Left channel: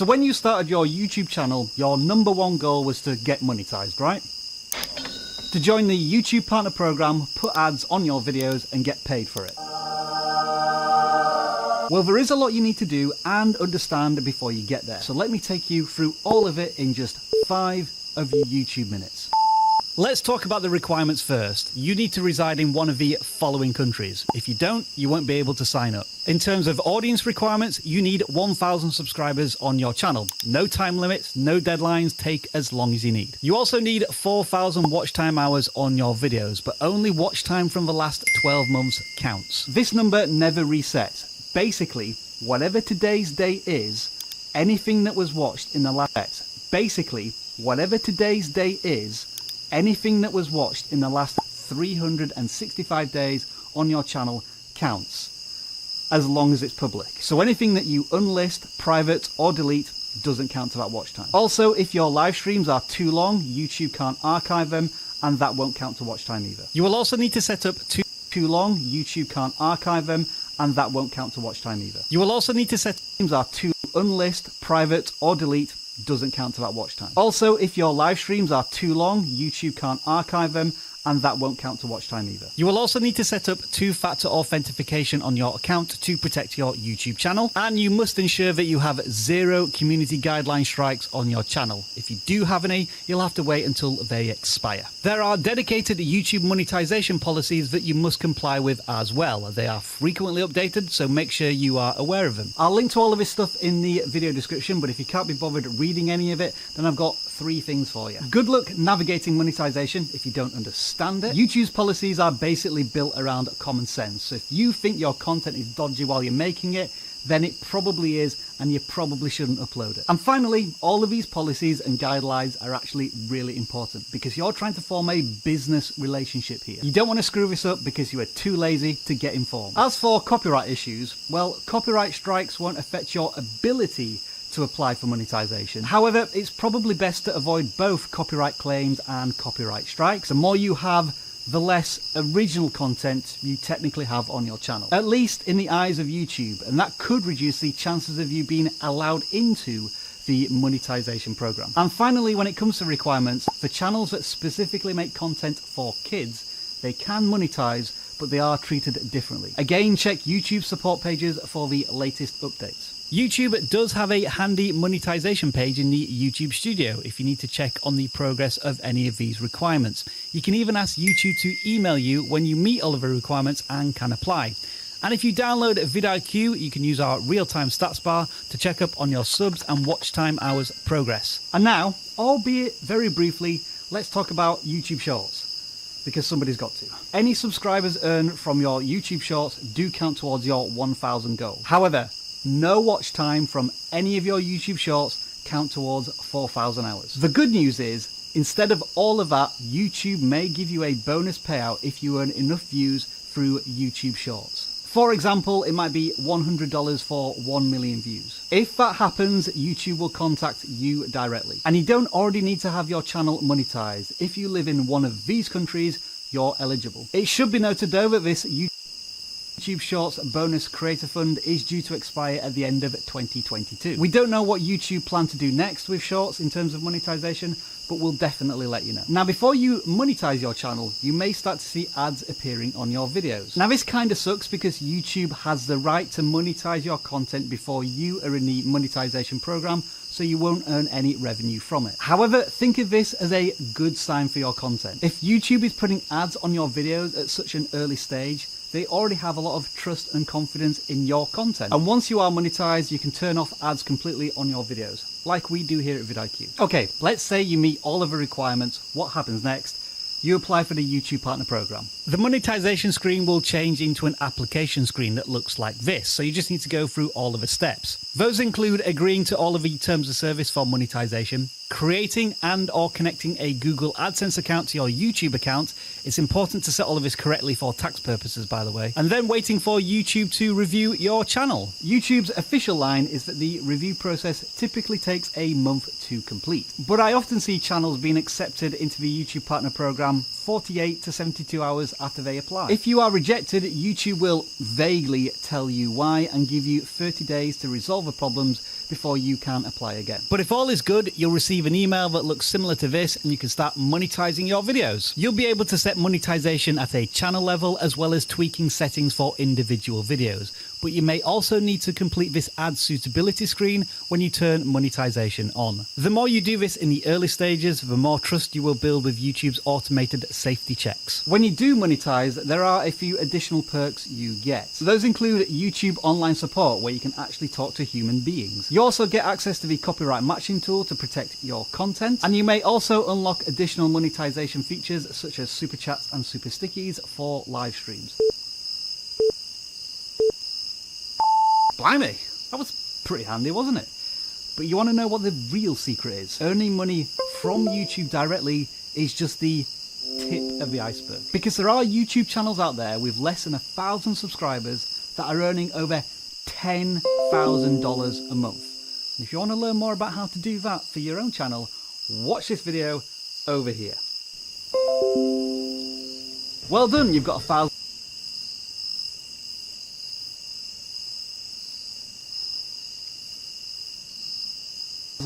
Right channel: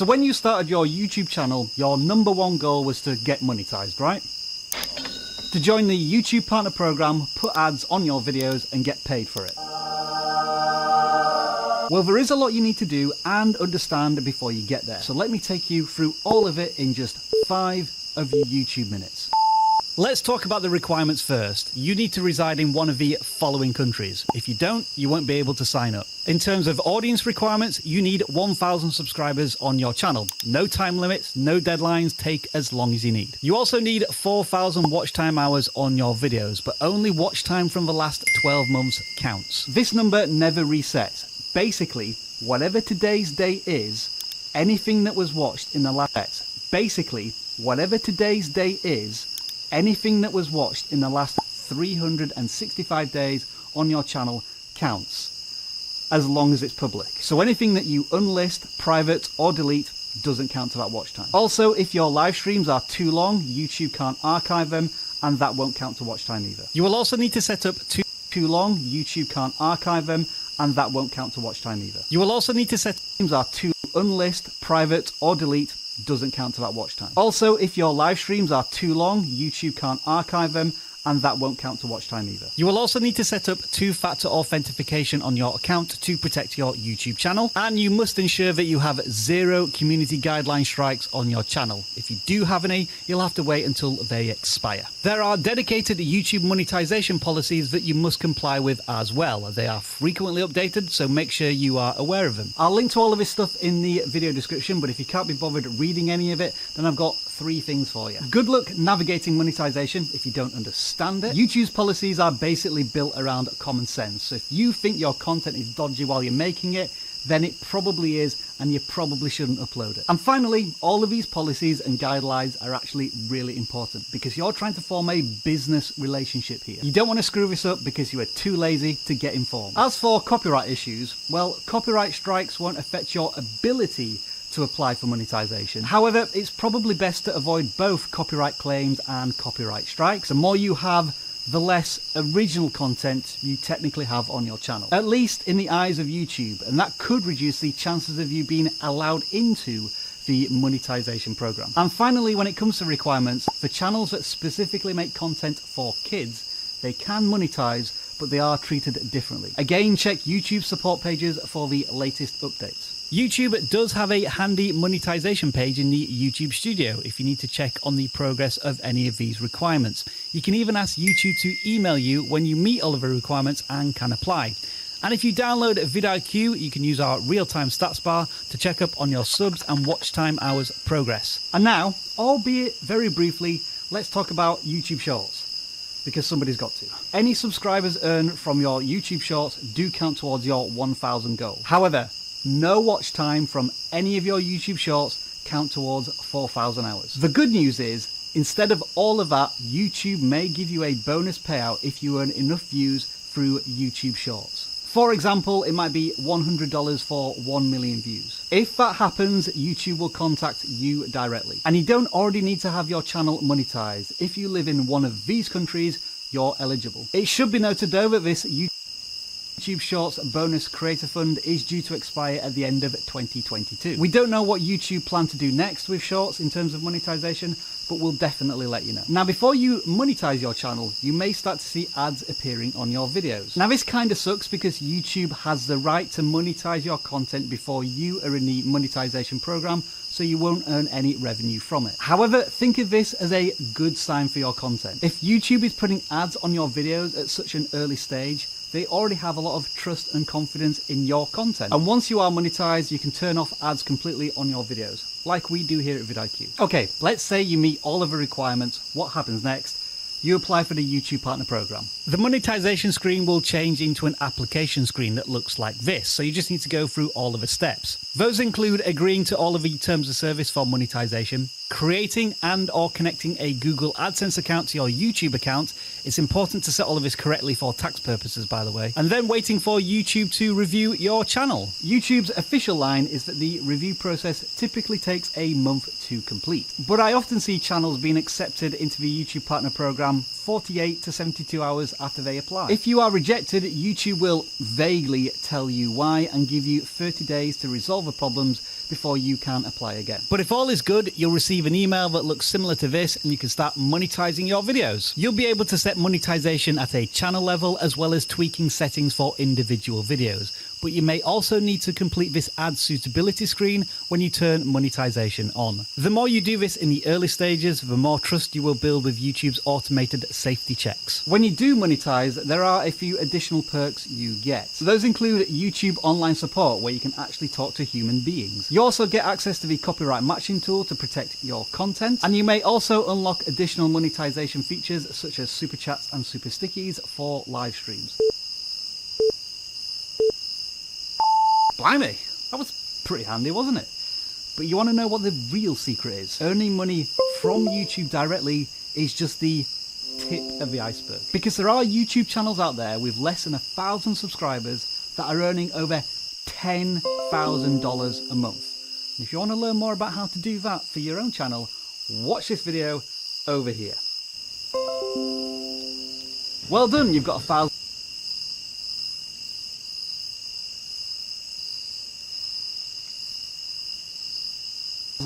So when you started your YouTube channel, your number one goal was to get monetized, right? To join the YouTube Partner Program, put ads on your videos and get paid for it. Well, there is a lot you need to do and understand before you get there. So let me take you through all of it in just 5 of your YouTube minutes. Let's talk about the requirements first. You need to reside in one of the following countries. If you don't, you won't be able to sign up. In terms of audience requirements, you need 1,000 subscribers on your channel. No time limits, no deadlines, take as long as you need. You also need 4,000 watch time hours on your videos, but only watch time from the last 12 months counts. This number never resets. Basically, whatever today's date is, anything that was watched in the last... anything that was watched in the last 365 days on your channel counts, as long as it's public. So anything that you unlist, private, or delete doesn't count to that watch time. Also, if your live streams are too long, YouTube can't archive them, and that won't count to watch time either. You will also need to set up too long, YouTube can't archive them, and that won't count to watch time either. You will also need to set streams are too unlist, private, or delete doesn't count to that watch time. Also, if your live streams are too long, YouTube can't archive them, and that won't count to watch time either. You will also need to set up 2-factor authentication on your account to protect your YouTube channel, and you must ensure that you have 0 community guideline strikes on your channel. If you do have any, you'll have to wait until they expire. There are dedicated YouTube monetization policies that you must comply with as well. They are frequently updated, so make sure you are aware of them. I'll link to all of this stuff in the video description, but if you can't be bothered reading any of it, then I've got 3 things for you. Good luck navigating monetization if you don't understand it. YouTube's policies are basically built around common sense. So if you think your content is dodgy while you're making it, then it probably is, and you probably shouldn't upload it. And finally, all of these policies and guidelines are actually really important because you're trying to form a business relationship here. You don't want to screw this up because you are too lazy to get informed. As for copyright issues, well, copyright strikes won't affect your ability to apply for monetization. However, it's probably best to avoid both copyright claims and copyright strikes. The more you have, the less original content you technically have on your channel, at least in the eyes of YouTube, and that could reduce the chances of you being allowed into the monetization program. And finally, when it comes to requirements, for channels that specifically make content for kids, they can monetize, but they are treated differently. Again, check YouTube support pages for the latest updates. YouTube does have a handy monetization page in the YouTube Studio if you need to check on the progress of any of these requirements. You can even ask YouTube to email you when you meet all of the requirements and can apply. And if you download vidIQ, you can use our real-time stats bar to check up on your subs and watch time hours progress. And now, albeit very briefly, let's talk about YouTube Shorts, because somebody's got to. Any subscribers earned from your YouTube Shorts do count towards your 1,000 goal. However, no watch time from any of your YouTube Shorts count towards 4,000 hours. The good news is, instead of all of that, YouTube may give you a bonus payout if you earn enough views through YouTube Shorts. For example, it might be $100 for 1 million views. If that happens, YouTube will contact you directly. And you don't already need to have your channel monetized. If you live in one of these countries, you're eligible. It should be noted though that this YouTube Shorts bonus creator fund is due to expire at the end of 2022. We don't know what YouTube plan to do next with Shorts in terms of monetization, but we'll definitely let you know. Now, before you monetize your channel, you may start to see ads appearing on your videos. Now, this kind of sucks because YouTube has the right to monetize your content before you are in the monetization program, so you won't earn any revenue from it. However, think of this as a good sign for your content. If YouTube is putting ads on your videos at such an early stage, they already have a lot of trust and confidence in your content. And once you are monetized, you can turn off ads completely on your videos, like we do here at vidIQ. Okay, let's say you meet all of the requirements. What happens next? You apply for the YouTube Partner Program. The monetization screen will change into an application screen that looks like this, so you just need to go through all of the steps. Those include agreeing to all of the terms of service for monetization, creating and or connecting a Google AdSense account to your YouTube account. It's important to set all of this correctly for tax purposes, by the way. And then waiting for YouTube to review your channel. YouTube's official line is that the review process typically takes a month to complete. But I often see channels being accepted into the YouTube Partner Program 48 to 72 hours after they apply. If you are rejected, YouTube will vaguely tell you why and give you 30 days to resolve the problems before you can apply again. But if all is good, you'll receive an email that looks similar to this and you can start monetizing your videos. You'll be able to set monetization at a channel level as well as tweaking settings for individual videos. But you may also need to complete this ad suitability screen when you turn monetization on. The more you do this in the early stages, the more trust you will build with YouTube's automated safety checks. When you do monetize, there are a few additional perks you get. So those include YouTube online support, where you can actually talk to human beings. You also get access to the copyright matching tool to protect your content, and you may also unlock additional monetization features such as super chats and super stickies for live streams. Blimey, that was pretty handy, wasn't it? But you want to know what the real secret is? Earning money from YouTube directly is just the tip of the iceberg. Because there are YouTube channels out there with less than 1,000 subscribers that are earning over $10,000 a month. And if you want to learn more about how to do that for your own channel, watch this video over here. Well done, you've got 1,000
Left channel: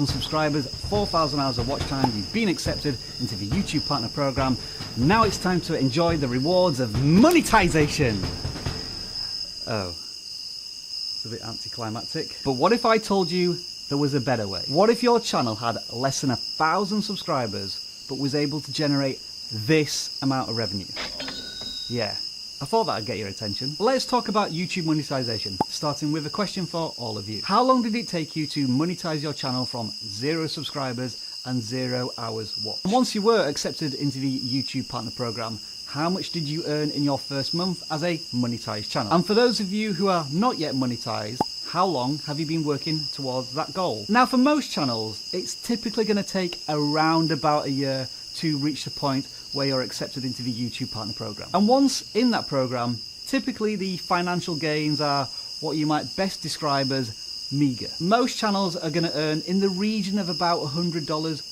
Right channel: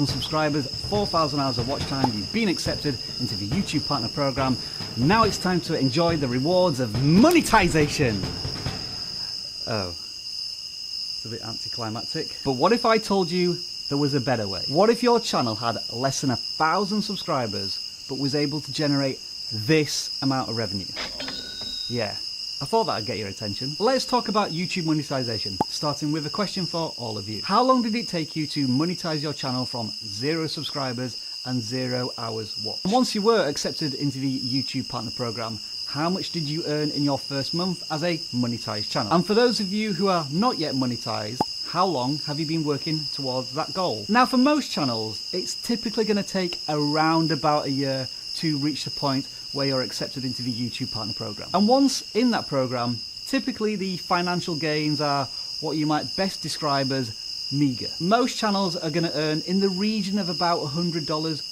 subscribers, 4,000 hours of watch time, you've been accepted into the YouTube Partner Program. Now it's time to enjoy the rewards of monetization. Oh, it's a bit anticlimactic. But what if I told you there was a better way? What if your channel had less than 1,000 subscribers but was able to generate this amount of revenue? Yeah, I thought that'd get your attention. Let's talk about YouTube monetization, starting with a question for all of you. How long did it take you to monetize your channel from 0 subscribers and 0 hours watched? And once you were accepted into the YouTube Partner Program, how much did you earn in your first month as a monetized channel? And for those of you who are not yet monetized, how long have you been working towards that goal? Now, for most channels, it's typically going to take around about a year to reach the point where you're accepted into the YouTube Partner Program. And once in that program, typically the financial gains are what you might best describe as meager. Most channels are going to earn in the region of about $100.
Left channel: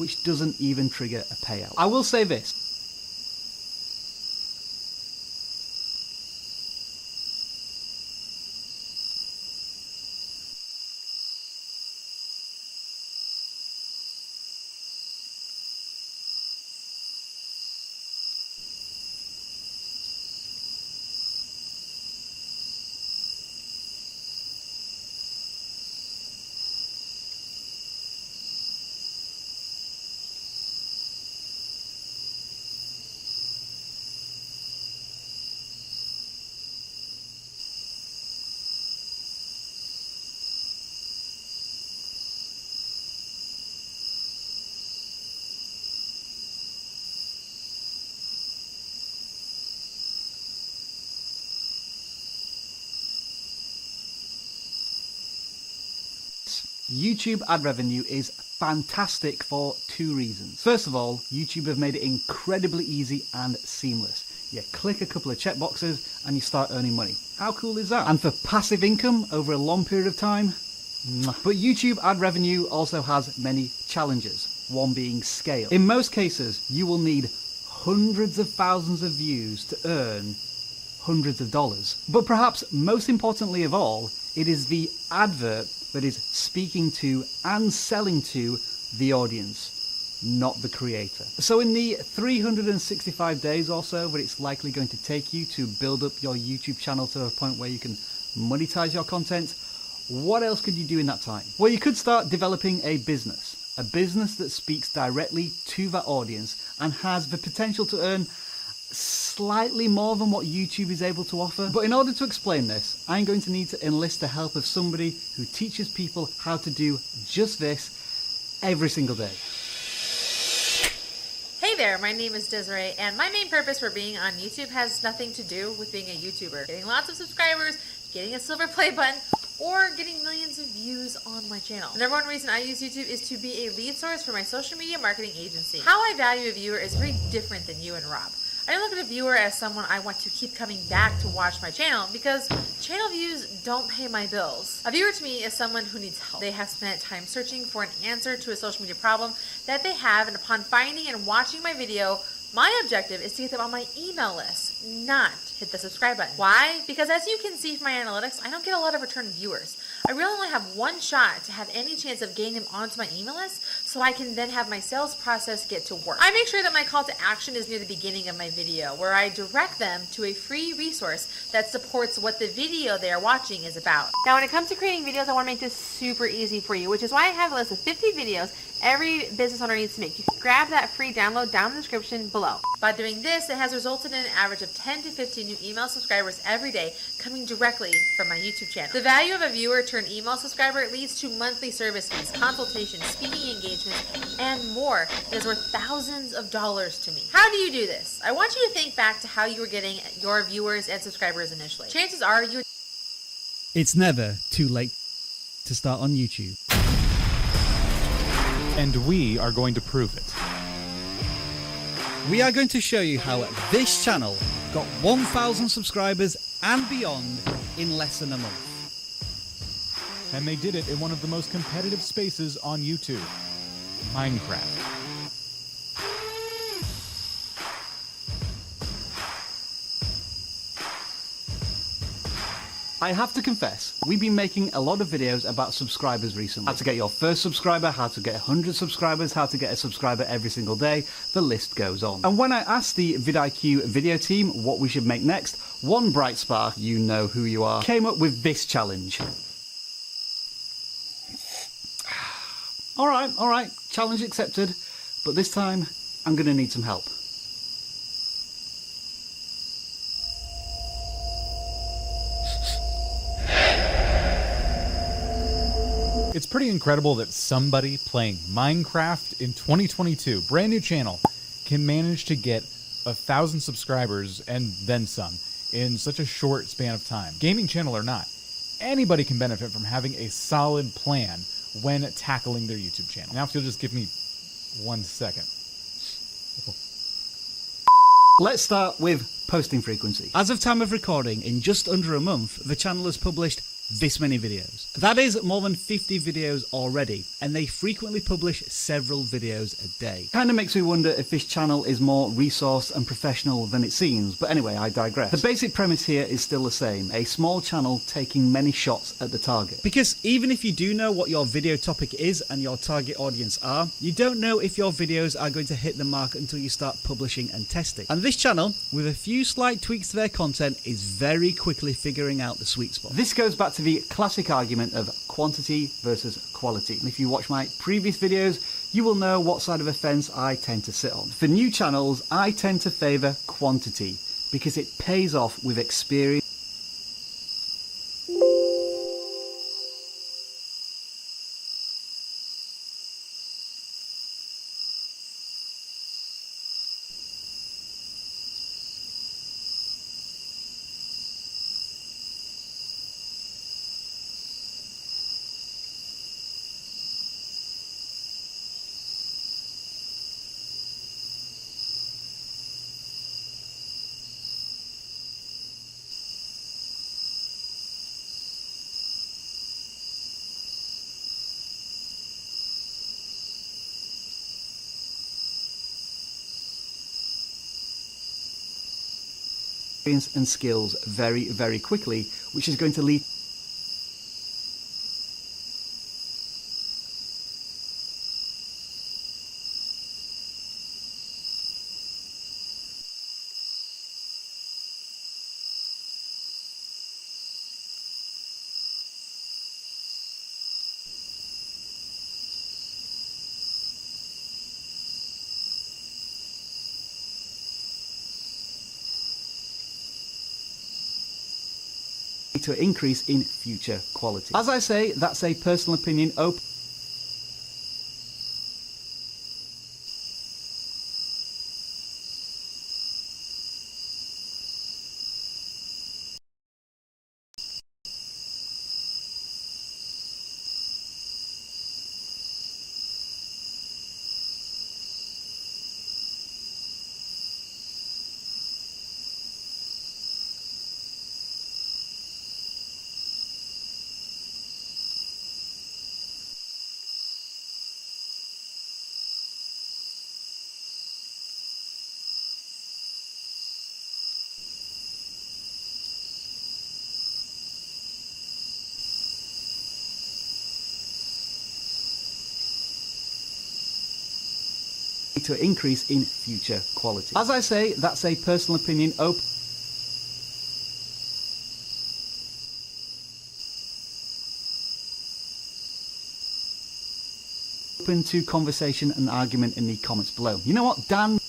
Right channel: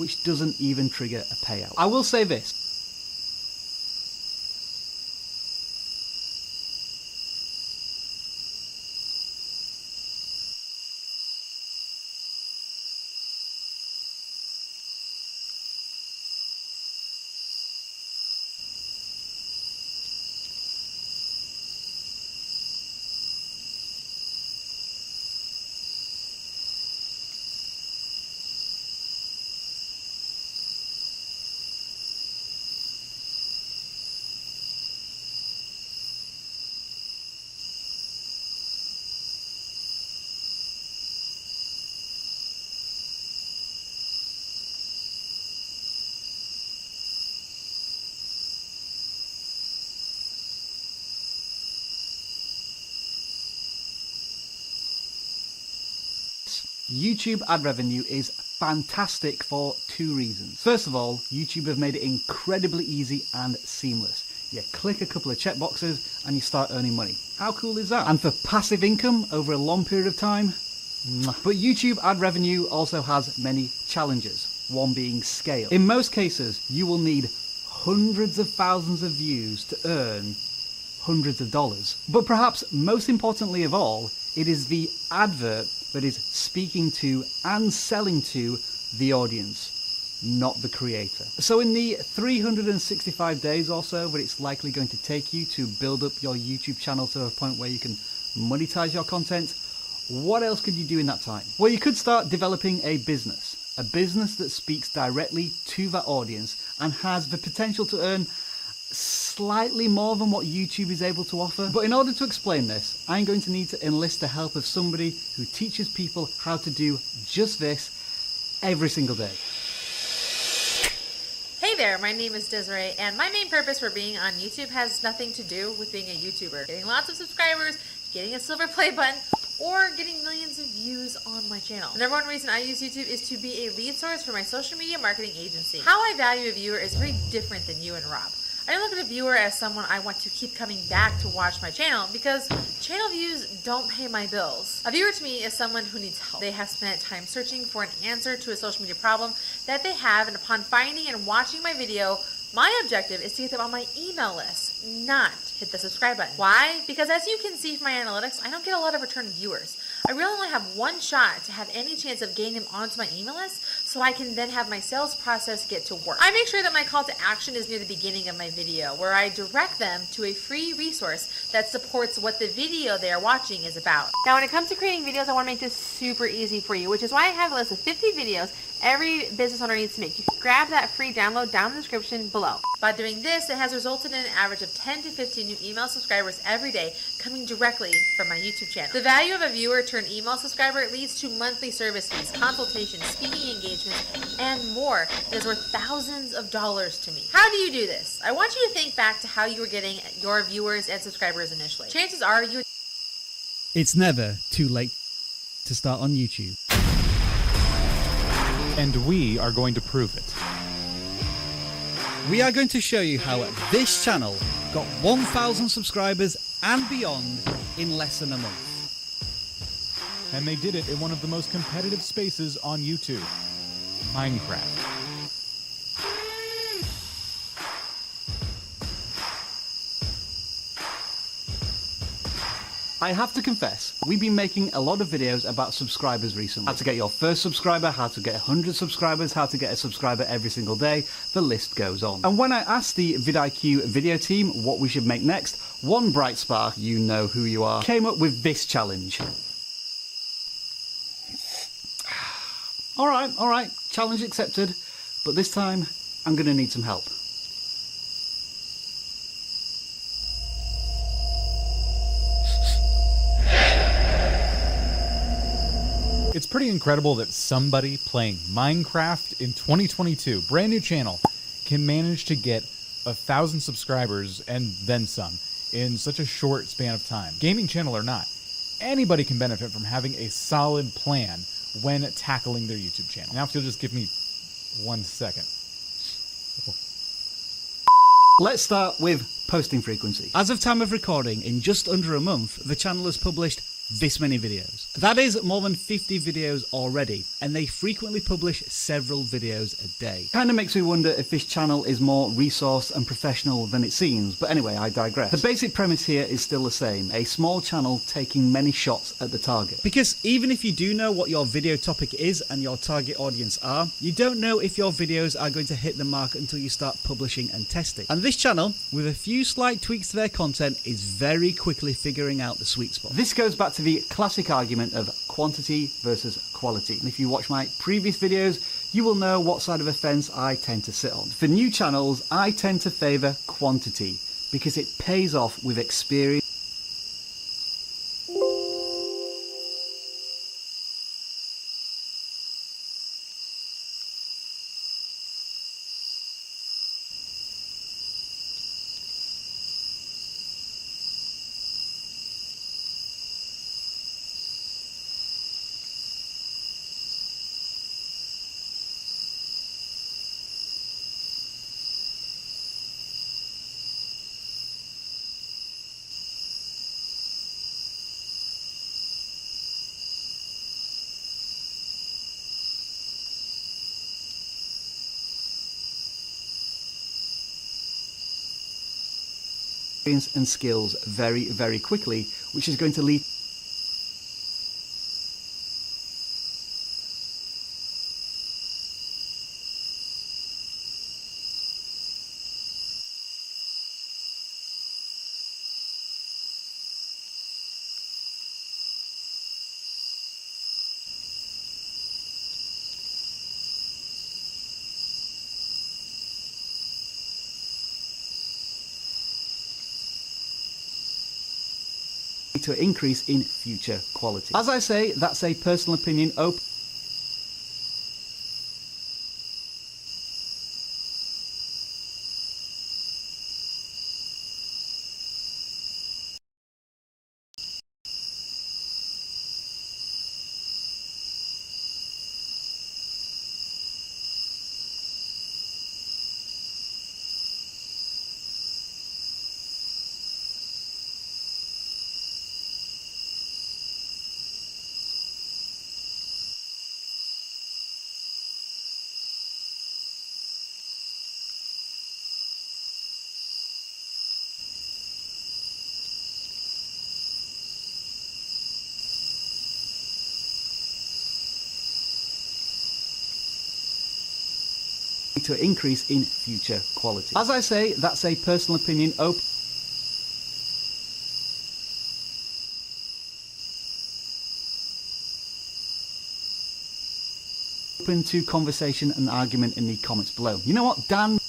which doesn't even trigger a payout. I will say this. YouTube ad revenue is fantastic for two reasons. First of all, YouTube have made it incredibly easy and seamless. You click a couple of checkboxes and you start earning money. How cool is that? And for passive income over a long period of time, but YouTube ad revenue also has many challenges, one being scale. In most cases, you will need hundreds of thousands of views to earn hundreds of dollars. But perhaps most importantly of all, it is the advert that is speaking to and selling to the audience, not the creator. So in the 365 days or so that it's likely going to take you to build up your YouTube channel to a point where you can monetize your content, what else could you do in that time? Well, you could start developing a business that speaks directly to that audience and has the potential to earn slightly more than what YouTube is able to offer. But in order to explain this, I'm going to need to enlist the help of somebody who teaches people how to do just this every single day. Hey there, my name is Desiree, and my main purpose for being on YouTube has nothing to do with being a YouTuber. Getting lots of subscribers, getting a silver play button, or getting millions of views on my channel. The number one reason I use YouTube is to be a lead source for my social media marketing agency. How I value a viewer is very different than you and Rob. I don't look at a viewer as someone I want to keep coming back to watch my channel because channel views don't pay my bills. A viewer to me is someone who needs help. They have spent time searching for an answer to a social media problem that they have, and upon finding and watching my video, my objective is to get them on my email list, not hit the subscribe button. Why? Because as you can see from my analytics, I don't get a lot of return viewers. I really only have one shot to have any chance of getting them onto my email list so I can then have my sales process get to work. I make sure that my call to action is near the beginning of my video, where I direct them to a free resource that supports what the video they are watching is about. Now, when it comes to creating videos, I want to make this super easy for you, which is why I have a list of 50 videos every business owner needs to make. You can grab that free download down in the description below. By doing this, it has resulted in an average of 10 to 15 new email subscribers every day coming directly from my YouTube channel. The value of a viewer turned email subscriber leads to monthly service fees, consultations, speaking engagements, and more. It is worth thousands of dollars to me. How do you do this? I want you to think back to how you were getting your viewers and subscribers initially. Chances are you... It's never too late to start on YouTube. And we are going to prove it. We are going to show you how this channel got 1,000 subscribers and beyond in less than a month. And they did it in one of the most competitive spaces on YouTube, Minecraft. I have to confess, we've been making a lot of videos about subscribers recently. How to get your first subscriber, how to get 100 subscribers, how to get a subscriber every single day, the list goes on. And when I asked the vidIQ video team what we should make next, one bright spark, you know who you are, came up with this challenge. Alright, challenge accepted, but this time I'm gonna need some help. It's pretty incredible that somebody playing Minecraft in 2022, brand new channel, can manage to get 1,000 subscribers and then some in such a short span of time. Gaming channel or not, anybody can benefit from having a solid plan when tackling their YouTube channel. Now if you'll just give me 1 second. Let's start with posting frequency. As of time of recording, in just under a month, the channel has published this many videos. That is more than 50 videos already, and they frequently publish several videos a day. Kinda makes me wonder if this channel is more resourced and professional than it seems, but anyway, I digress. The basic premise here is still the same, a small channel taking many shots at the target. Because even if you do know what your video topic is and your target audience are, you don't know if your videos are going to hit the mark until you start publishing and testing. And this channel, with a few slight tweaks to their content, is very quickly figuring out the sweet spot. This goes back to the classic argument of quantity versus quality. And if you watch my previous videos, you will know what side of the fence I tend to sit on. For new channels, I tend to favour quantity because it pays off with experience. And skills very, very quickly, which is going to lead to an increase in future quality. As I say, that's a personal opinion open to an increase in future quality. As I say, that's a personal opinion open to conversation and argument in the comments below. You know what, Dan?